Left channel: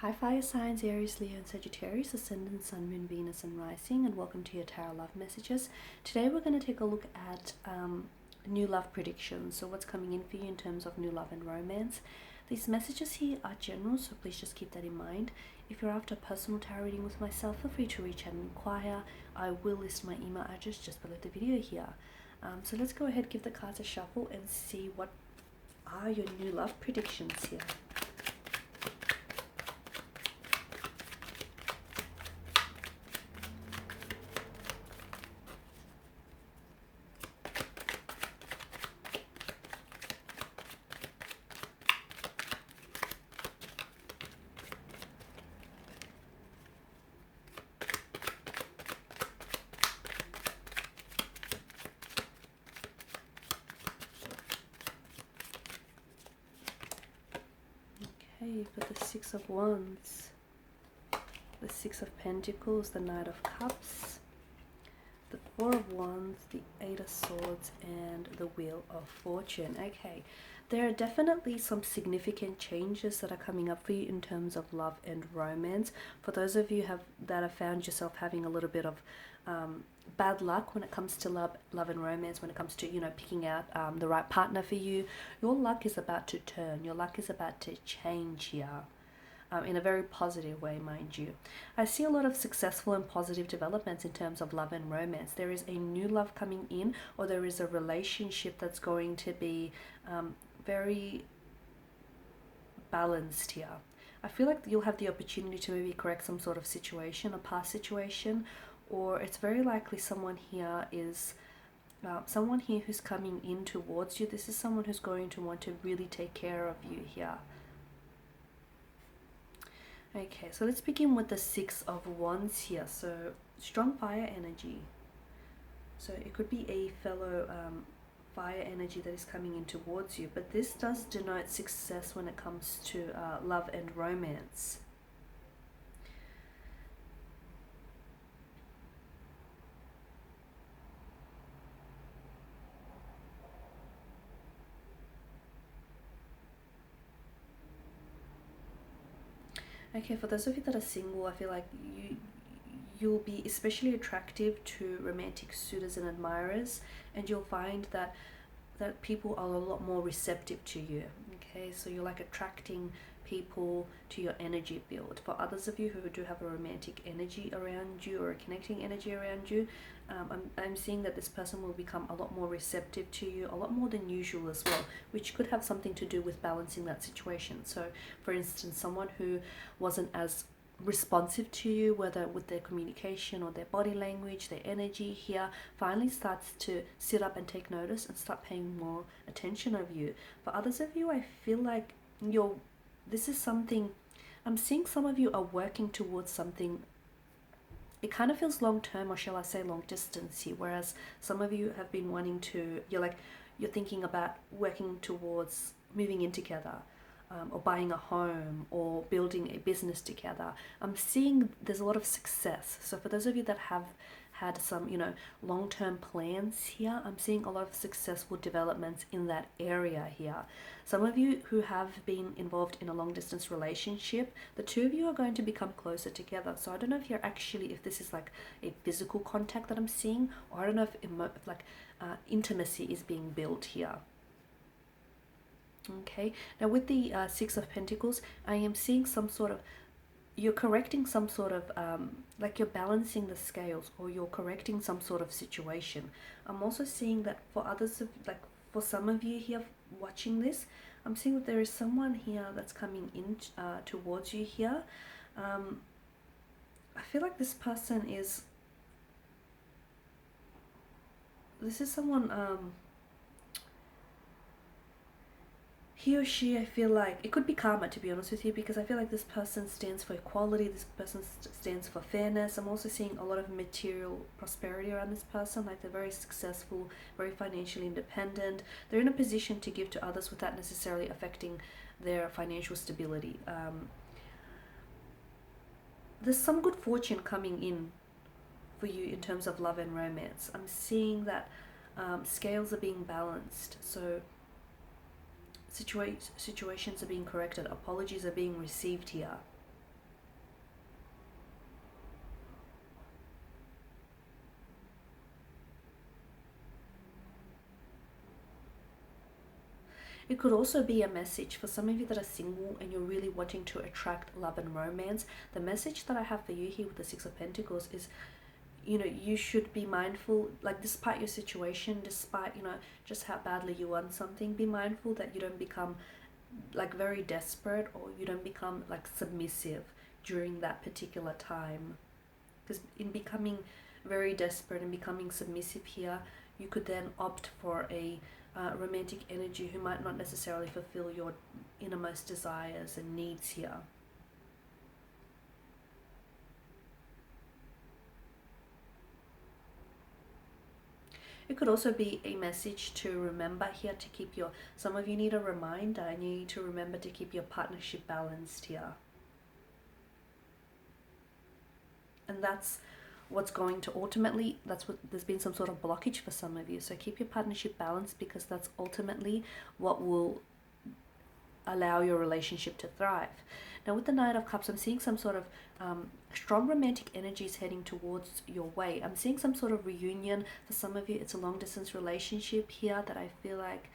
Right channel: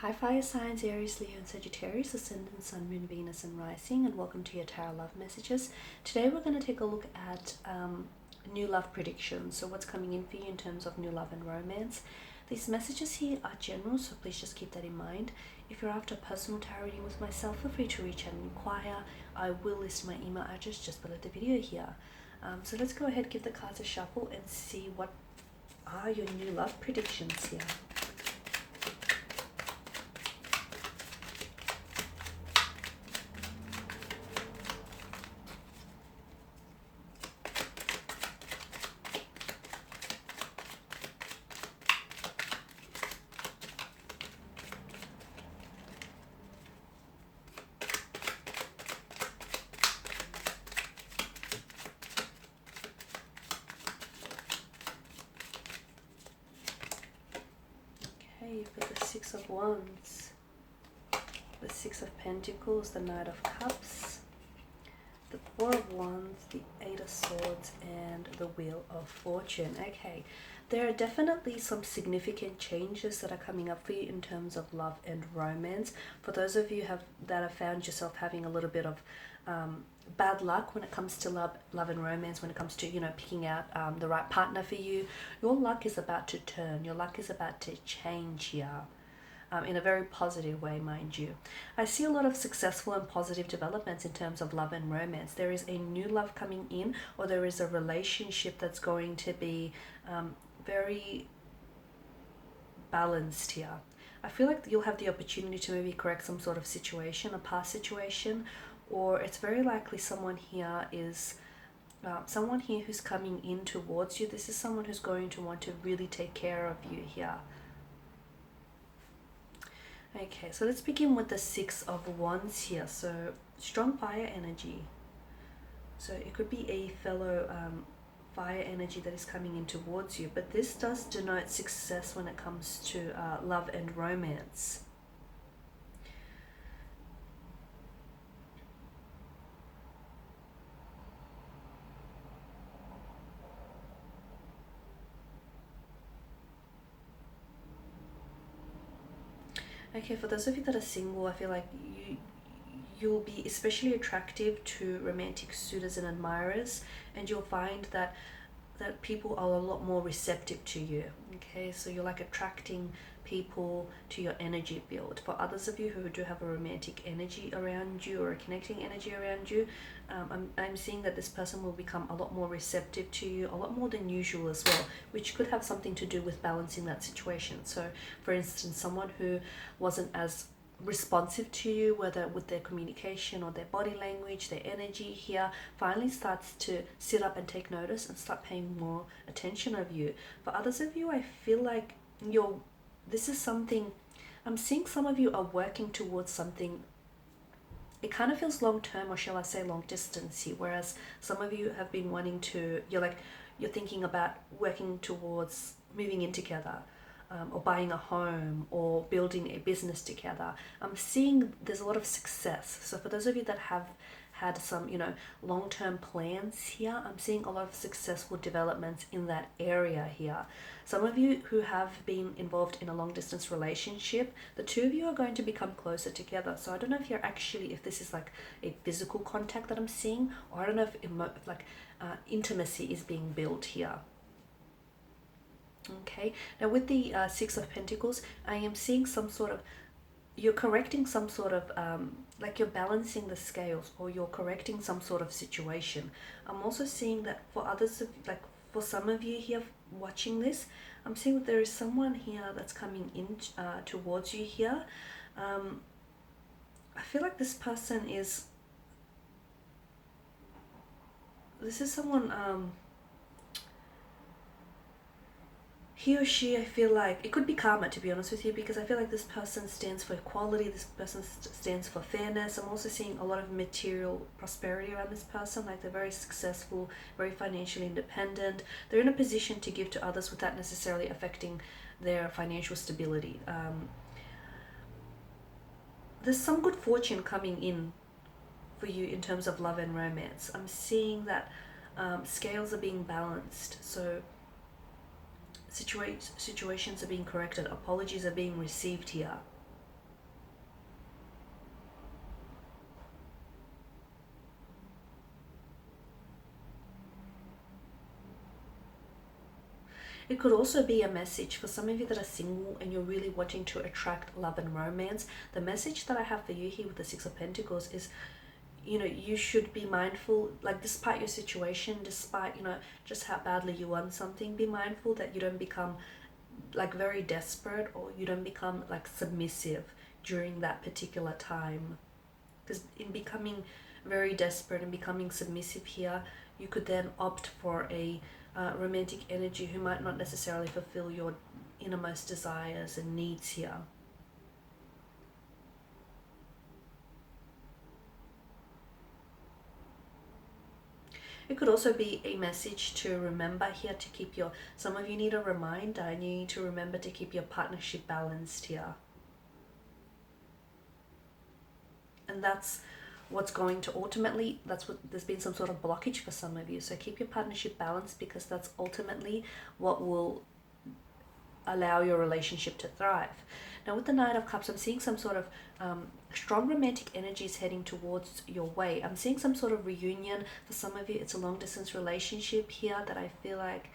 Hi fire signs, Aries, Leo and Sagittarius, Ascendant, Sun, Moon, Venus and Rising, and welcome to your Tarot Love Messages. Today we're going to take a look at new love predictions, so what's coming in for you in terms of new love and romance. These messages here are general, so please just keep that in mind. If you're after a personal tarot reading with myself, feel free to reach out and inquire. I will list my email address just below the video here. So let's go ahead, give the cards a shuffle and see what are your new love predictions here. Okay, you've got the Six of Wands, the Six of Pentacles, the Knight of Cups, the Four of Wands, the Eight of Swords, and the Wheel of Fortune. Okay, there are definitely some significant changes that are coming up for you in terms of love and romance. For those of you that have found yourself having a little bit of bad luck when it comes to love and romance, when it comes to, picking out the right partner for you, your luck is about to turn. Your luck is about to change here. In a very positive way, mind you. I see a lot of successful and positive developments in terms of love and romance. There is a new love coming in, or there is a relationship that's going to be very balanced here. I feel like you'll have the opportunity to maybe correct some sort of situation, a past situation, or it's very likely someone here who's coming in towards you. This is someone who's going to want to really take care of you here. Okay, so let's begin with the Six of Wands here. So strong fire energy. So it could be a fellow fire energy that is coming in towards you, but this does denote success when it comes to love and romance. Okay, for those of you that are single, I feel like you'll be especially attractive to romantic suitors and admirers, and you'll find that people are a lot more receptive to you. Okay, so you're like attracting people to your energy field. For others of you who do have a romantic energy around you or a connecting energy around you, I'm seeing that this person will become a lot more receptive to you, a lot more than usual as well, which could have something to do with balancing that situation. So for instance, someone who wasn't as responsive to you, whether with their communication or their body language, their energy here, finally starts to sit up and take notice and start paying more attention of you. For others of you, I feel like this is something, I'm seeing some of you are working towards something. It kind of feels long term, or shall I say long distance here, whereas some of you have been wanting to, you're thinking about working towards moving in together, or buying a home, or building a business together. I'm seeing there's a lot of success. So for those of you that have had some, long-term plans here, I'm seeing a lot of successful developments in that area here. Some of you who have been involved in a long-distance relationship, the two of you are going to become closer together. So I don't know if this is like a physical contact that I'm seeing, or I don't know if intimacy is being built here. Okay, now with the Six of Pentacles, I am seeing some sort of, you're correcting some sort of, like you're balancing the scales, or you're correcting some sort of situation. I'm also seeing that for others, for some of you here watching this, I'm seeing that there is someone here that's coming in towards you here. I feel like this person is, this is someone, he or she, I feel like, it could be karma, to be honest with you, because I feel like this person stands for equality, this person stands for fairness. I'm also seeing a lot of material prosperity around this person, like they're very successful, very financially independent. They're in a position to give to others without necessarily affecting their financial stability. There's some good fortune coming in for you in terms of love and romance. I'm seeing that scales are being balanced, so situations are being corrected, apologies are being received here. It could also be a message for some of you that are single and you're really wanting to attract love and romance. The message that I have for you here with the Six of Pentacles is, you know, you should be mindful, like despite your situation, despite, you know, just how badly you want something, be mindful that you don't become like very desperate, or you don't become like submissive during that particular time. Because in becoming very desperate and becoming submissive here, you could then opt for a romantic energy who might not necessarily fulfill your innermost desires and needs here. It could also be a message to remember here to keep your, some of you need a reminder and you need to remember to keep your partnership balanced here. And that's what's going to ultimately, that's what, there's been some sort of blockage for some of you. So keep your partnership balanced, because that's ultimately what will allow your relationship to thrive. Now with the Knight of Cups, I'm seeing some sort of strong romantic energies heading towards your way. I'm seeing some sort of reunion. For some of you, it's a long distance relationship here that I feel like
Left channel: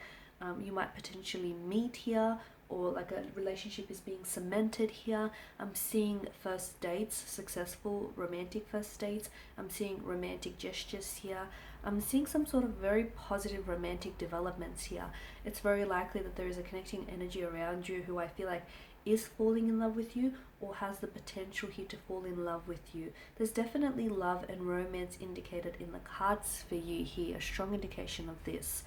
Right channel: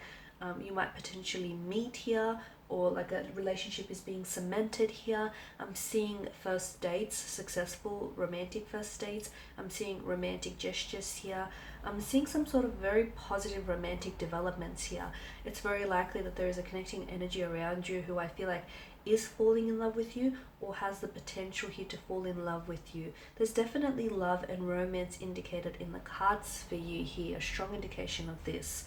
you might potentially meet here, or like a relationship is being cemented here. I'm seeing first dates, successful romantic first dates. I'm seeing romantic gestures here. I'm seeing some sort of very positive romantic developments here. It's very likely that there is a connecting energy around you who I feel like is falling in love with you, or has the potential here to fall in love with you. There's definitely love and romance indicated in the cards for you here, a strong indication of this.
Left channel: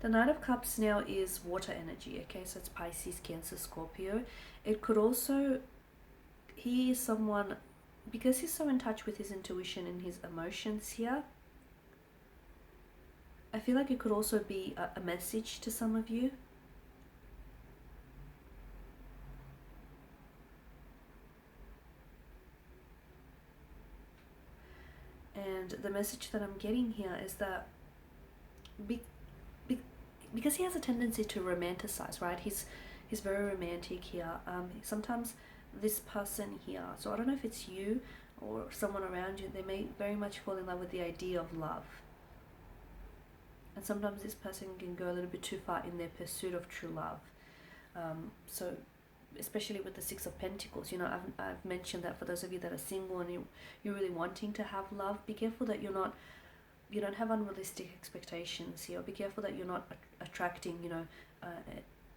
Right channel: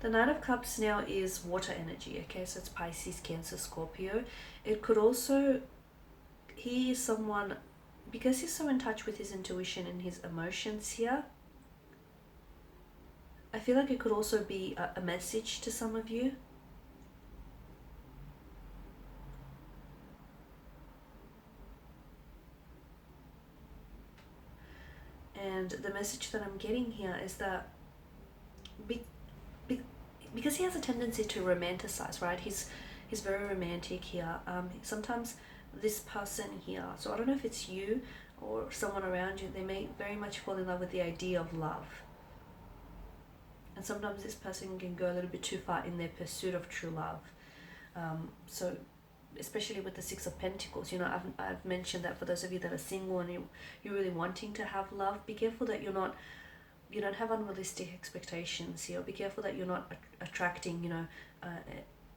The Knight of Cups now is water energy, okay, so it's Pisces, Cancer, Scorpio. It could also, he is someone, because he's so in touch with his intuition and his emotions here, I feel like it could also be a message to some of you. And the message that I'm getting here is that because he has a tendency to romanticize, right? He's very romantic here. Sometimes this person here, so I don't know if it's you or someone around you, they may very much fall in love with the idea of love. And sometimes this person can go a little bit too far in their pursuit of true love. So especially with the Six of Pentacles, you know, I've mentioned that for those of you that are single and you're really wanting to have love, be careful that you don't have unrealistic expectations here. Be careful that you're not attracting, you know,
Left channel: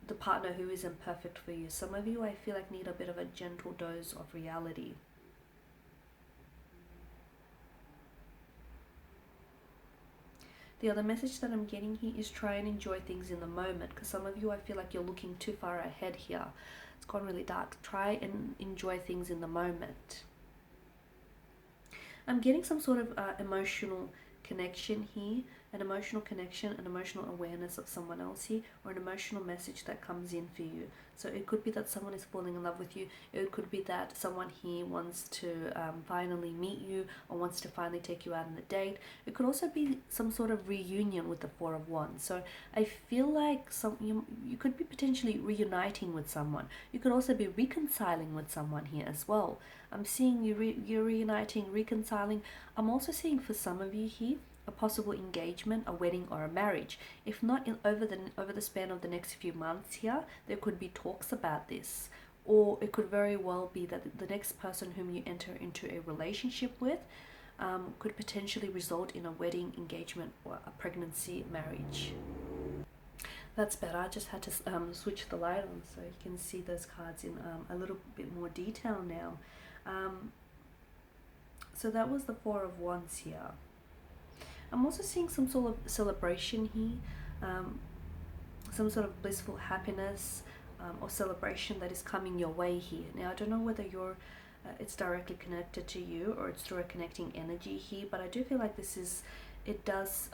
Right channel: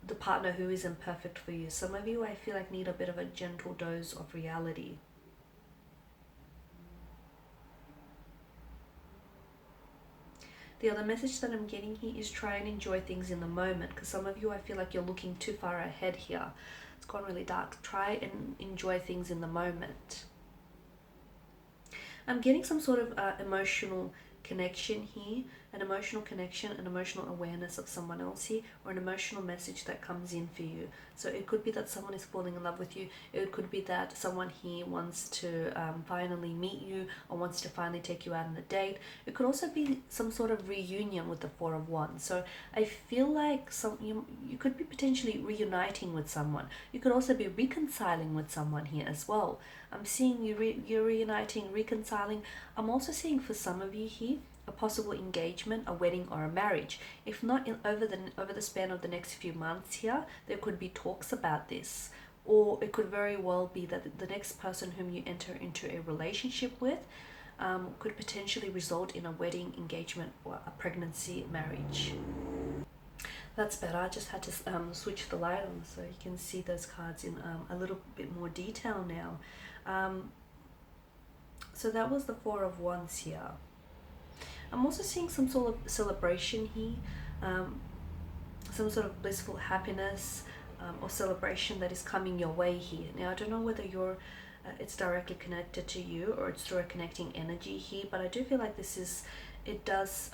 the partner who isn't perfect for you. Some of you, I feel like, need a bit of a gentle dose of reality. The other message that I'm getting here is try and enjoy things in the moment, because some of you, I feel like you're looking too far ahead here. It's gone really dark. Try and enjoy things in the moment. I'm getting some sort of emotional connection here, an emotional connection, an emotional awareness of someone else here, or an emotional message that comes in for you. So it could be that someone is falling in love with you. It could be that someone here wants to finally meet you, or wants to finally take you out on a date. It could also be some sort of reunion with the Four of Wands. So I feel like you could be potentially reuniting with someone. You could also be reconciling with someone here as well. I'm seeing you're reuniting, reconciling. I'm also seeing for some of you here a possible engagement, a wedding, or a marriage. If not over the span of the next few months here, there could be talks about this. Or it could very well be that the next person whom you enter into a relationship with could potentially result in a wedding, engagement, or a pregnancy, marriage. That's better. I just had to switch the light on so you can see those cards in a little bit more detail now. So that was the Four of Wands here. I'm also seeing some sort of celebration here, some sort of blissful happiness or celebration that is coming your way here. Now, I don't know whether it's directly connected to you or it's through a connecting energy here, but I do feel like it does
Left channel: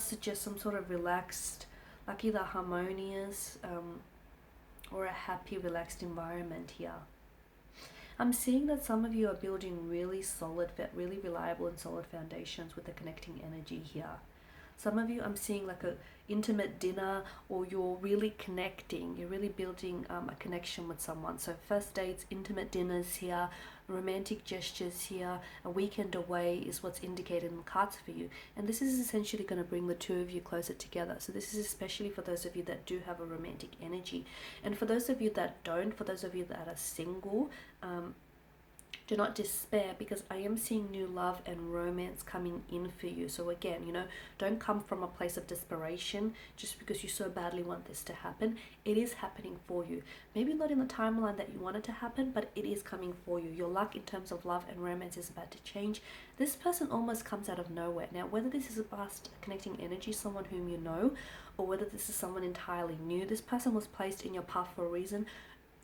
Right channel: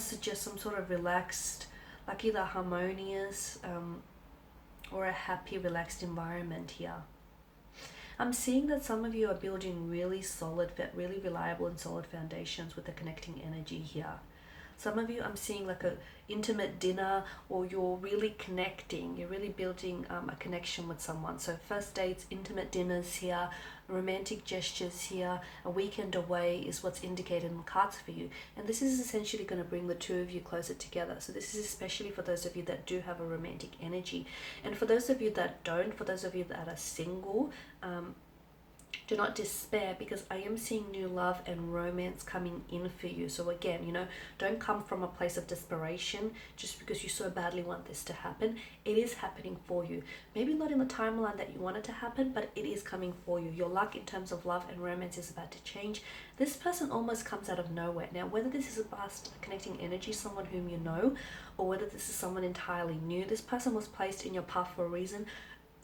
suggest some sort of relaxed, like either harmonious or a happy, relaxed environment here. I'm seeing that some of you are building really solid, really reliable and solid foundations with the connecting energy here. Some of you, I'm seeing like intimate dinner, or you're really connecting, you're really building a connection with someone. So first dates, intimate dinners here, romantic gestures here, a weekend away is what's indicated in the cards for you. And this is essentially going to bring the two of you closer together. So this is especially for those of you that do have a romantic energy. And for those of you that don't, for those of you that are single, do not despair, because I am seeing new love and romance coming in for you. So again, you know, don't come from a place of desperation just because you so badly want this to happen. It is happening for you. Maybe not in the timeline that you want it to happen, but it is coming for you. Your luck in terms of love and romance is about to change. This person almost comes out of nowhere. Now, whether this is a past connecting energy, someone whom you know, or whether this is someone entirely new, this person was placed in your path for a reason.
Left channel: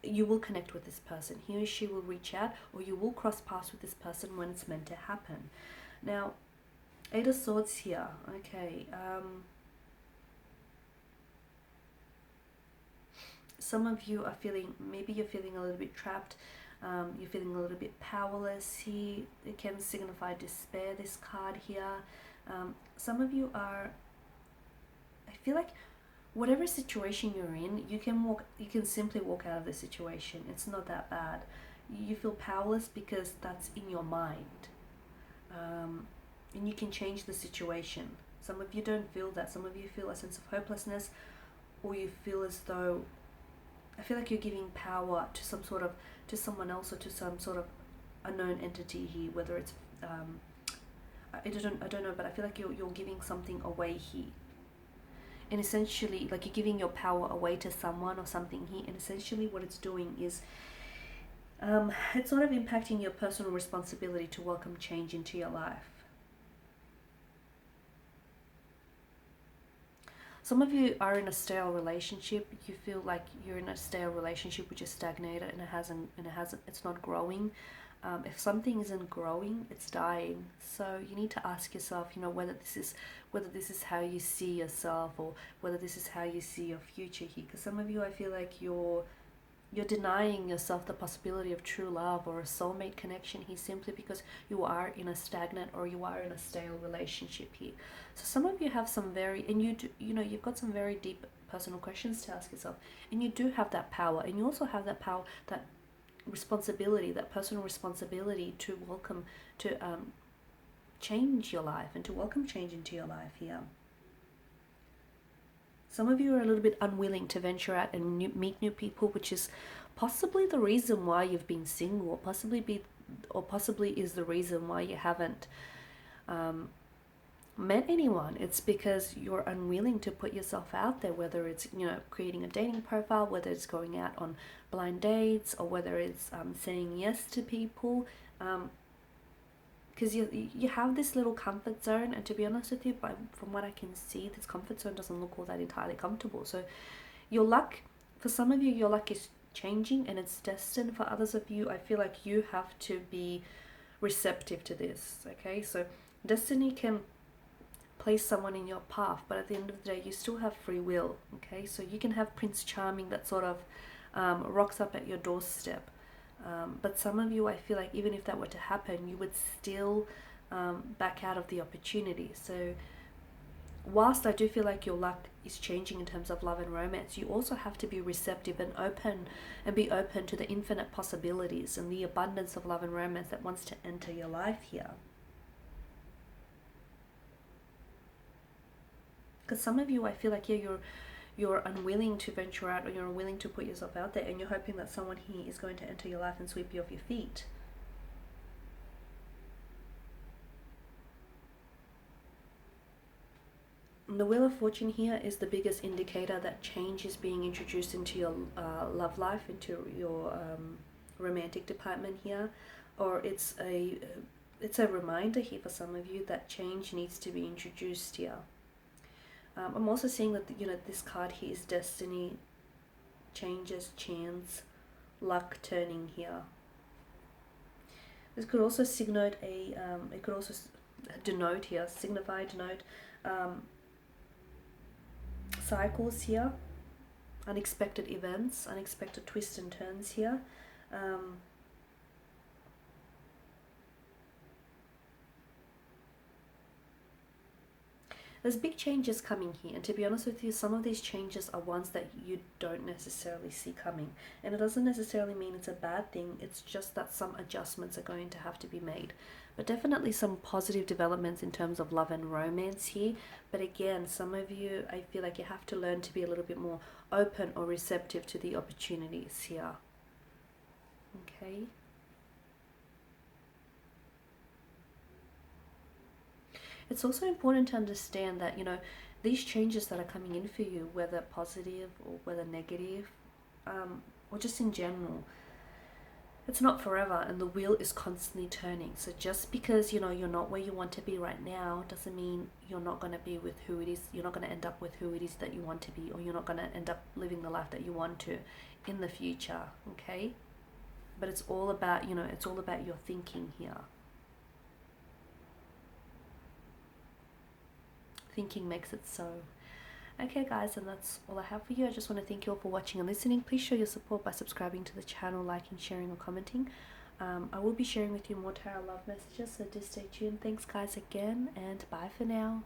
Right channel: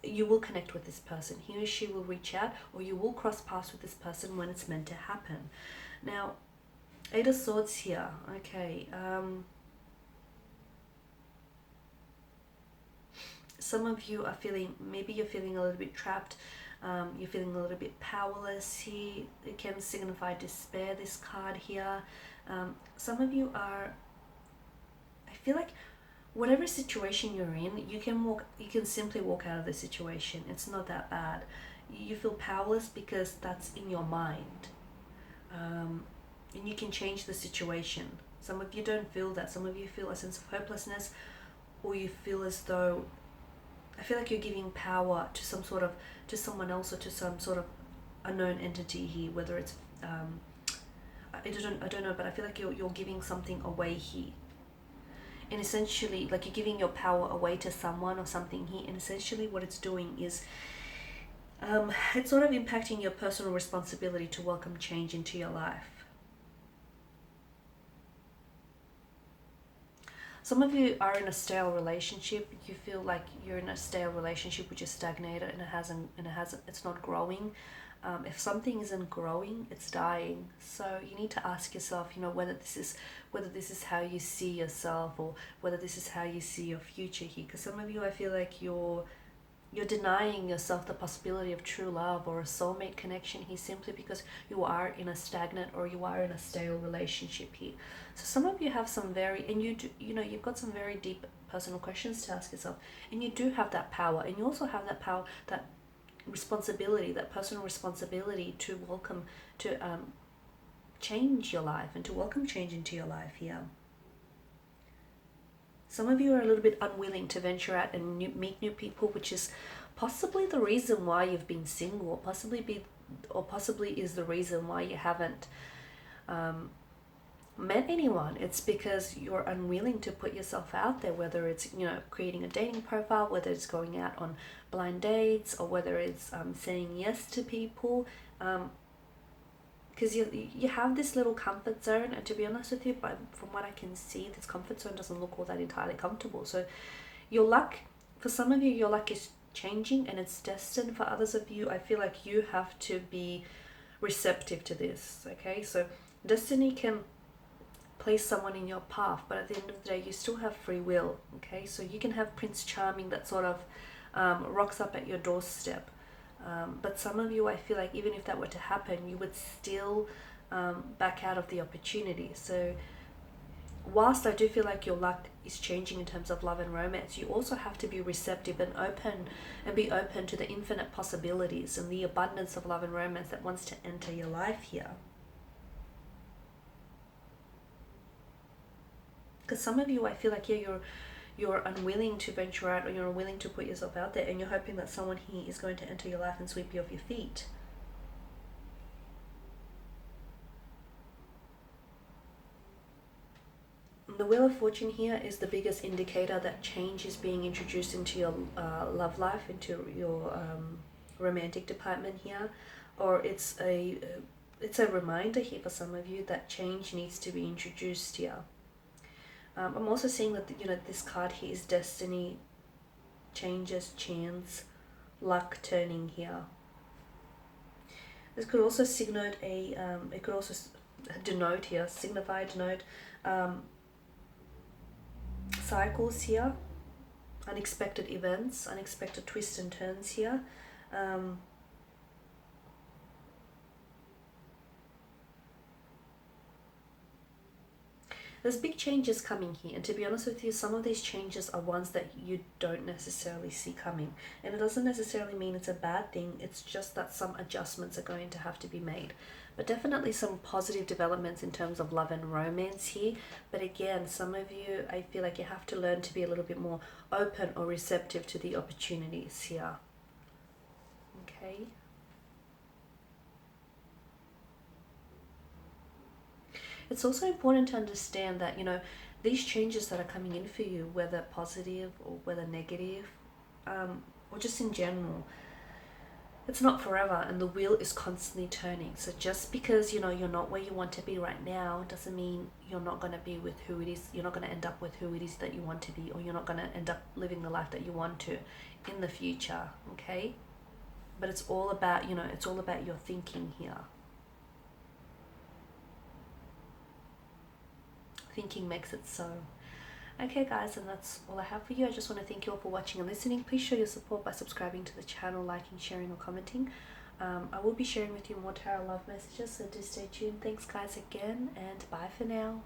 You will connect with this person. He or she will reach out, or you will cross paths with this person when it's meant to happen. Now, Eight of Swords here. Okay. Some of you are feeling, maybe you're feeling a little bit trapped. You're feeling a little bit powerless here. It can signify despair, this card here. Some of you are, I feel like, whatever situation you're in, you can simply walk out of the situation. It's not that bad. You feel powerless because that's in your mind. And you can change the situation. Some of you don't feel that. Some of you feel a sense of hopelessness, or you feel as though, I feel like you're giving power to to someone else, or to some sort of unknown entity here, whether it's, I don't know, but I feel like you're giving something away here. And essentially, like, you're giving your power away to someone or something here, and essentially what it's doing is it's sort of impacting your personal responsibility to welcome change into your life. Some of you are in a stale relationship. You feel like you're in a stale relationship which is stagnated, and it's not growing. If something isn't growing, it's dying. So you need to ask yourself, you know, whether this is how you see yourself, or whether this is how you see your future here. Because some of you, I feel like you're denying yourself the possibility of true love or a soulmate connection here, simply because you are in a stagnant, or you are in a stale relationship here. So some of you have some you've got some very deep personal questions to ask yourself, and you do have that power, and you also have that power, that responsibility, that personal responsibility to change your life and to welcome change into your life here. Some of you are a little bit unwilling to venture out and meet new people, which is possibly the reason why you've been single, or possibly is the reason why you haven't met anyone. It's because you're unwilling to put yourself out there, whether it's, you know, creating a dating profile, whether it's going out on blind dates, or whether it's saying yes to people, because you have this little comfort zone, and to be honest with you, from what I can see, this comfort zone doesn't look all that entirely comfortable. So your luck, for some of you, your luck is changing and it's destined. For others of you, I feel like you have to be receptive to this. Okay, so destiny can place someone in your path, but at the end of the day, you still have free will. Okay, so you can have Prince Charming that sort of rocks up at your doorstep, but some of you, I feel like, even if that were to happen, you would still back out of the opportunity. So whilst I do feel like your luck is changing in terms of love and romance, you also have to be receptive and be open to the infinite possibilities and the abundance of love and romance that wants to enter your life here. Because some of you, I feel like, you're unwilling to venture out, or you're unwilling to put yourself out there, and you're hoping that someone here is going to enter your life and sweep you off your feet. And the Wheel of Fortune here is the biggest indicator that change is being introduced into your love life, into your romantic department here, or it's a reminder here for some of you that change needs to be introduced here. I'm also seeing that, you know, this card here is destiny, changes, chance, luck turning here. This could also signify, denote cycles here, unexpected events, unexpected twists and turns here. There's big changes coming here, and to be honest with you, some of these changes are ones that you don't necessarily see coming. And it doesn't necessarily mean it's a bad thing, it's just that some adjustments are going to have to be made. But definitely some positive developments in terms of love and romance here. But again, some of you, I feel like you have to learn to be a little bit more open or receptive to the opportunities here. Okay. It's also important to understand that, these changes that are coming in for you, whether positive or whether negative, or just in general, it's not forever, and the wheel is constantly turning. So just because, you're not where you want to be right now doesn't mean you're not going to be with who it is, you're not going to end up with who it is that you want to be, or you're not going to end up living the life that you want to in the future, okay? But it's all about, it's all about your thinking here. Thinking makes it so. Okay guys, and that's all I have for you. I just want to thank you all for watching and listening. Please show your support by subscribing to the channel, liking, sharing or commenting. I will be sharing with you more tarot love messages, so do stay tuned. Thanks guys again, and bye for now.